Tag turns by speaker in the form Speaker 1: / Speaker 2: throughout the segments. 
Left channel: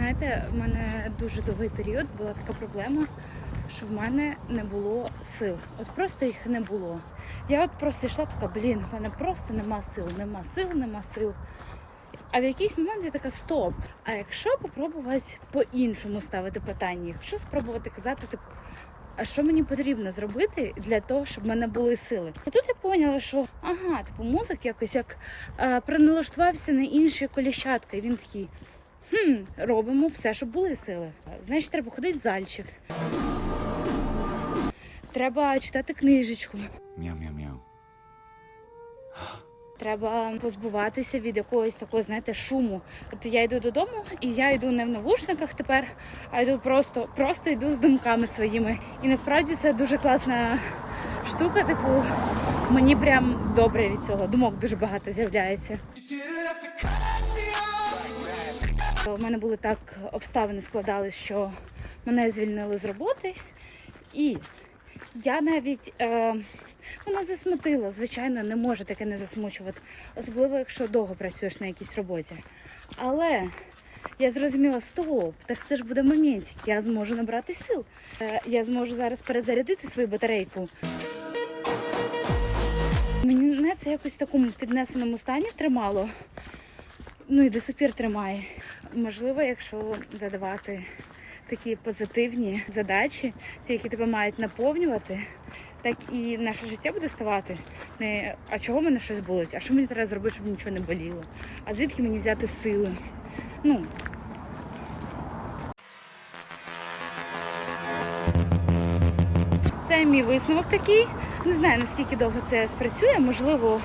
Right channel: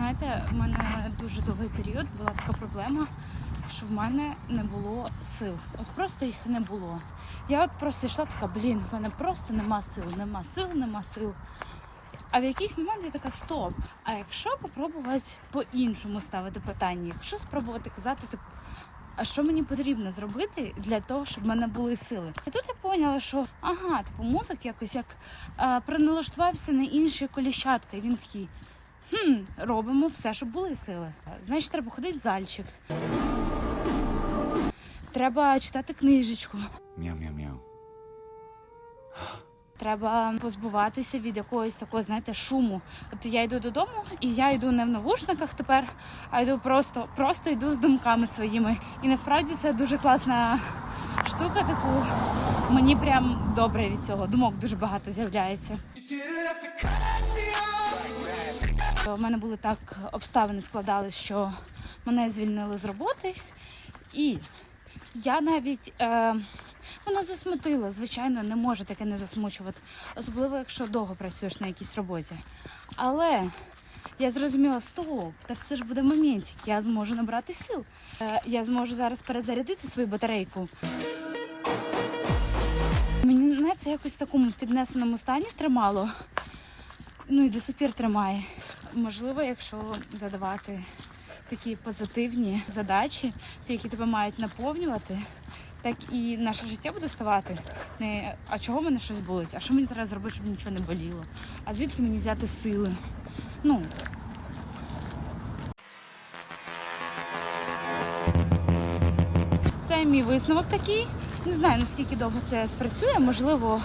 Speaker 1: Знаєте, в мене дуже довгий період була така проблема, що в мене не було сил. От просто їх не було. Я от просто йшла така, блін, в мене просто нема сил, нема сил, нема сил. А в якийсь момент я така стоп. А якщо попробувати по-іншому ставити питання, якщо спробувати казати, типу, а що мені потрібно зробити для того, щоб в мене були сили? І тут я поняла, що ага, типу, мозок якось як е, проналаштувався на інші коліщатка. І він такий. Хм, робимо все, щоб були сили. Значить, треба ходити в зальчик. Треба читати книжечку.
Speaker 2: Мяу-мяу-мяу.
Speaker 1: Треба позбуватися від якогось такого, знаєте, шуму. От я йду додому, і я йду не в навушниках тепер, а йду просто, просто йду з думками своїми. І насправді це дуже класна штука. Типу, мені прям добре від цього. Думок дуже багато з'являється. У мене були так обставини складались, що мене звільнили з роботи, і я навіть е, воно засмутило. Звичайно, не може таке не засмучувати, особливо якщо довго працюєш на якійсь роботі. Але я зрозуміла, стоп, так це ж буде моментик, я зможу набрати сил. Е, я зможу зараз перезарядити свою батарейку. Мене це якось в такому піднесеному стані тримало. Ну і до сих тримає. Можливо, якщо задавати такі позитивні задачі, ті, які тебе мають наповнювати, так і наше життя буде ставати. Не а чого мене щось болить? А що мені треба зробити, щоб нічого не боліло? А звідки мені взяти сили? Ну. Це мій висновок такий. Не знаю наскільки довго це спрацює. Можливо,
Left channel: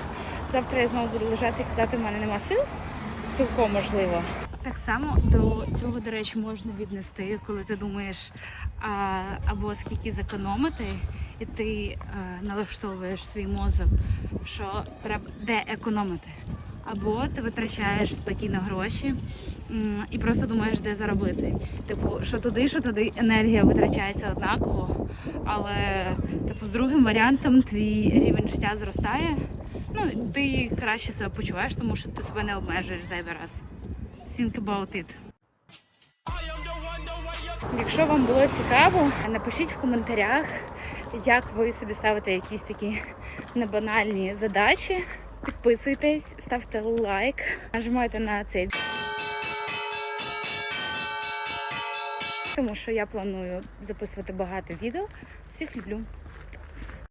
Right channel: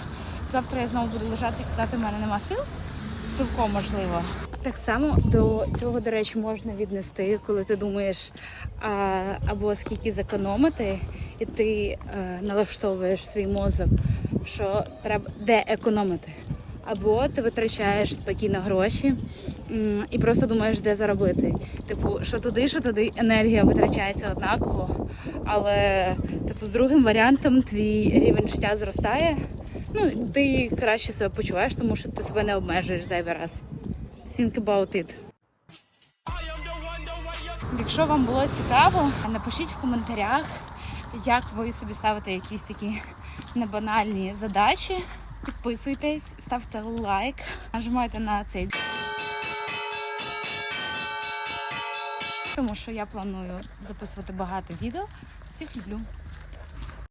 Speaker 1: завтра я знову буду лежати і казати, в мене нема сил. Цілком можливо. Так само до цього, до речі, можна віднести, коли ти думаєш а, або скільки зекономити, і ти е, налаштовуєш свій мозок, що треба де економити. Або ти витрачаєш спокійно гроші і просто думаєш, де заробити. Типу, що туди, що туди енергія витрачається однаково, але типу, з другим варіантом твій рівень життя зростає. Ну, ти краще себе почуваєш, тому що ти себе не обмежуєш зайвий раз. Think about it. Якщо вам було цікаво, напишіть в коментарях, як ви собі ставите якісь такі небанальні задачі. Підписуйтесь, ставте лайк, нажимайте на цей. Тому що я планую записувати багато відео. Всіх люблю.